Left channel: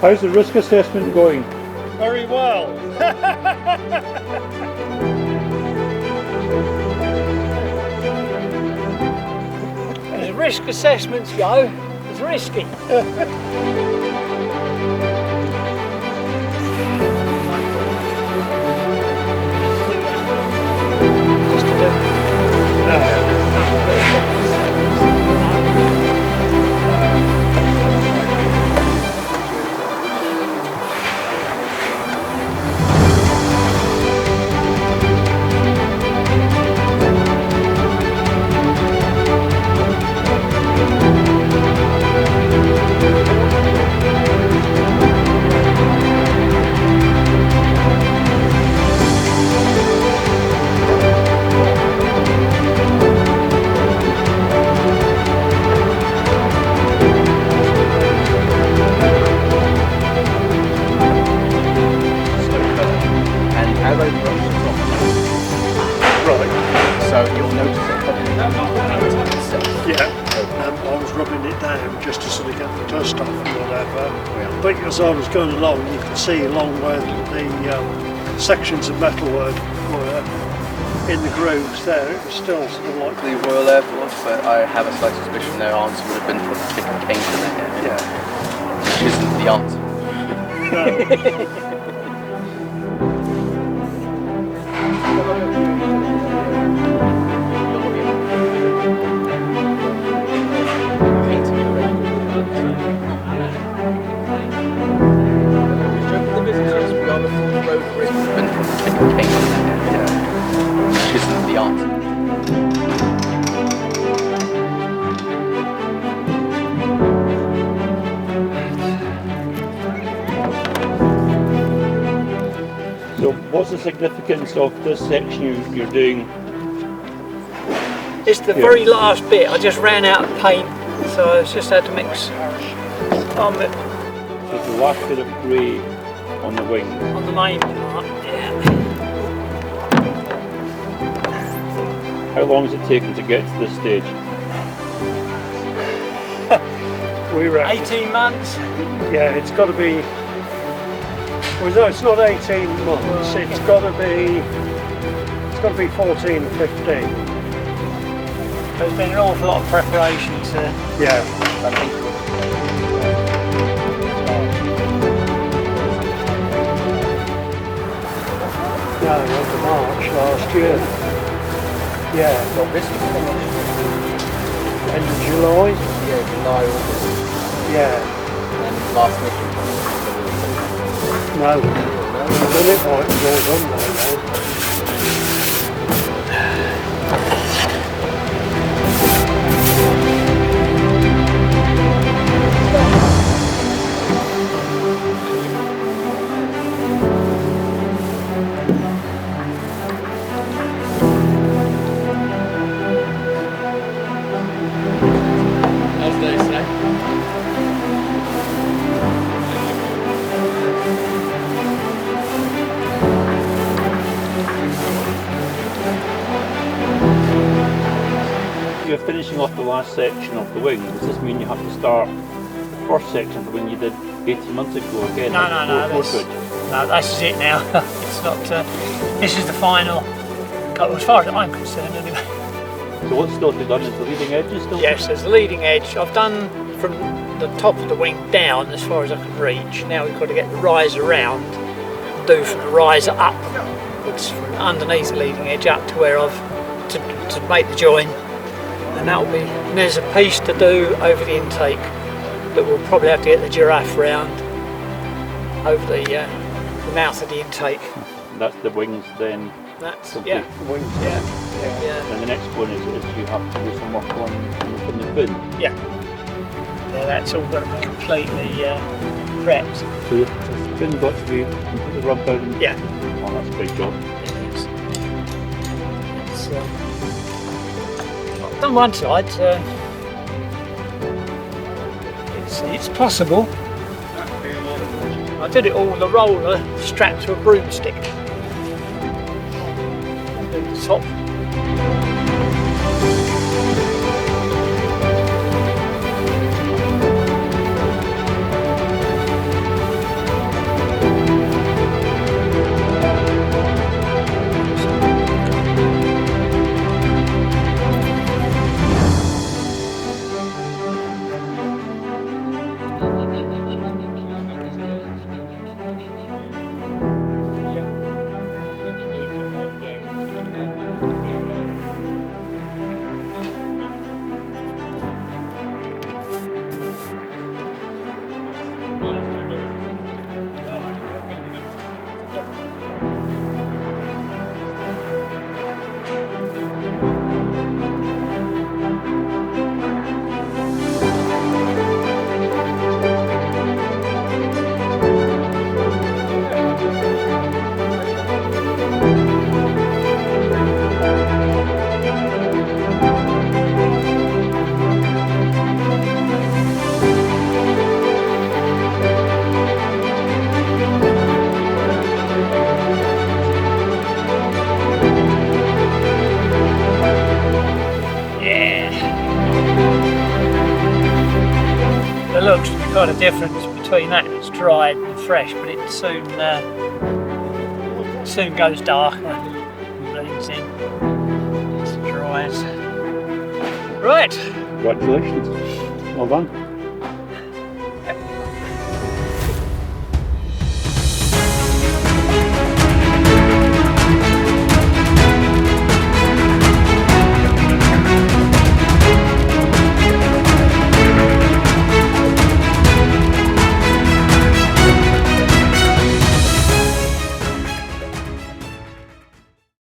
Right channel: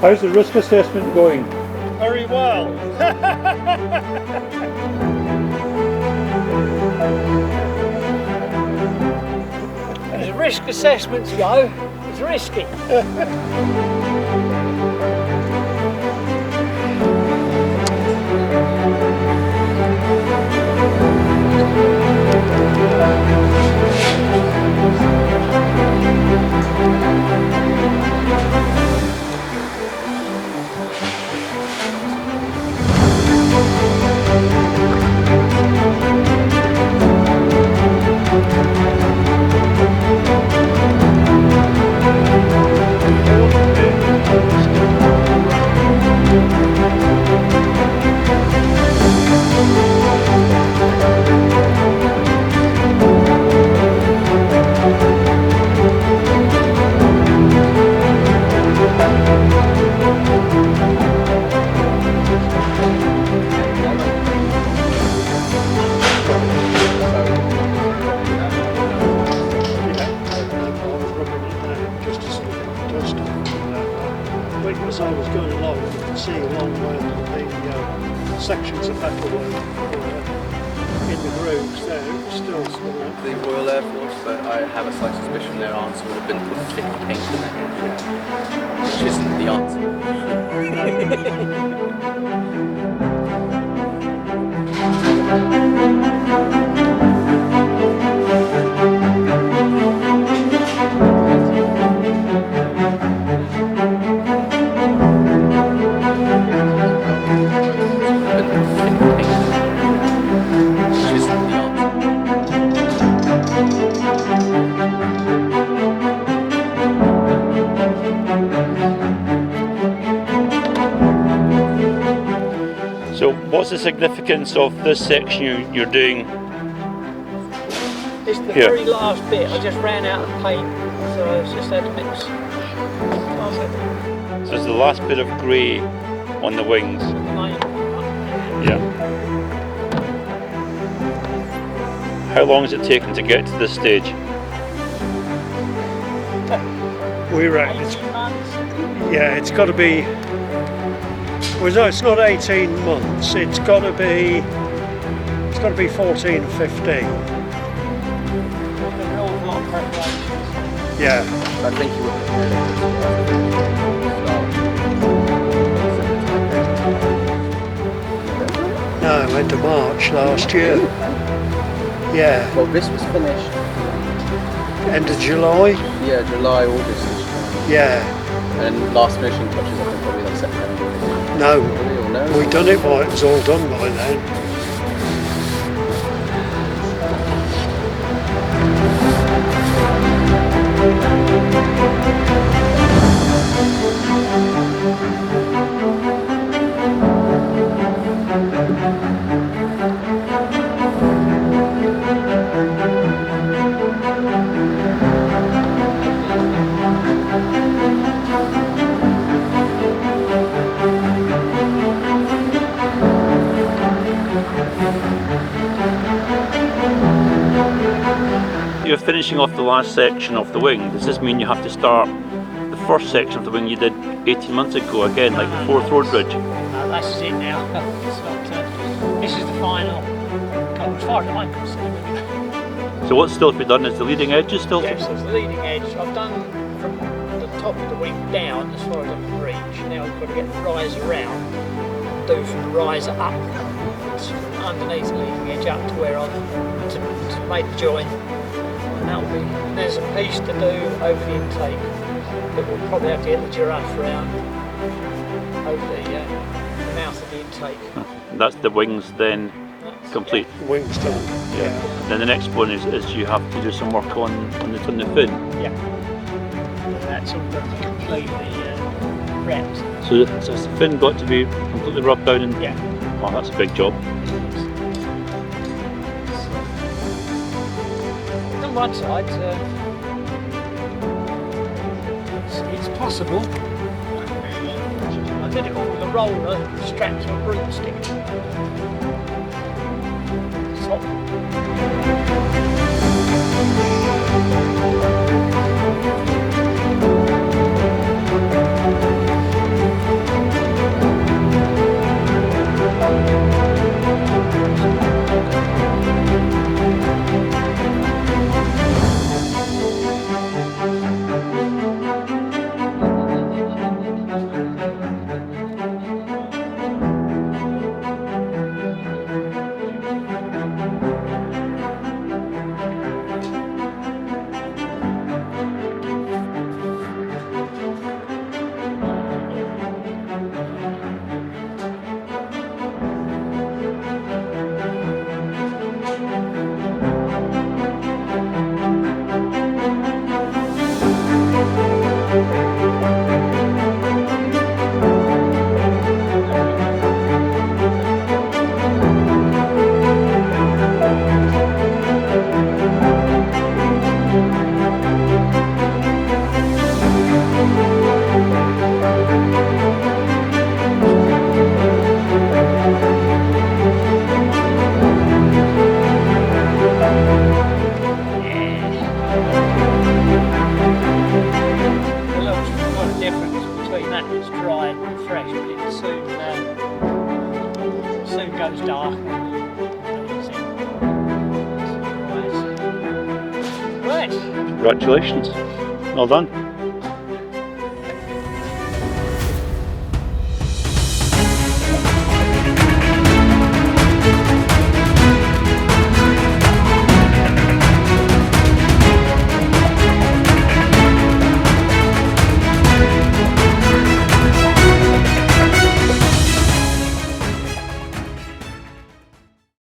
How's the risk assessment going? Very well. As risk assessments go, it's risky. But as I was going along, you can see along where the sections of metal were in the grooves there, it's still sort of like... The Royal Air Force, but I have a slight suspicion their answer would have been for the thick of paint in their head, which isn't the answer. So what's the significance of this section you're doing? It's the very last bit. I just ran out of paint, so I just had to mix on it. So it's the last bit of grey on the wings. On the main part, Yeah. How long has it taken to get to this stage? We're 18 months. Yeah, it's got to be... Well, no, it's not 18 months. It's got to be 14, 15. There's been an awful lot of preparations there. Yeah. No, end of March last year. Yeah. Well, this was finished. End of July? Yeah, July, August. Yeah. And last finishing was No. We've done it by it was all done by now. You're finishing off the last section of the wing. Does this mean you have to start the first section of the wing you did 18 months ago again, No, like no, before no, Ford that's- Bridge? No, that's it now. It's not. This is the final. As far as I'm concerned, anyway. So what's still to be done? Is the leading edges still? Yes, there's the leading edge. I've done from the top of the wing down as far as I can reach. Now we've got to get the riser round, do from the riser up, it's from underneath the leading edge up to where I've to make the join, and that'll be. And there's a piece to do over the intake that we'll probably have to get the giraffe round over the mouth of the intake. And that's the wings then That's complete. Wings, Yeah. Then the next one is you have to do some work on the fin. Yeah, that's all got to be completely prepped. So has the fin got to be completely rubbed down? And, Yeah. Oh, that's a big job. I've done one side, it's possible. I did it all with a roller strapped to a broomstick. At the top. difference between that that's dried and fresh, but it soon goes dark and bleeds in as it dries. Right. Congratulations. Well done.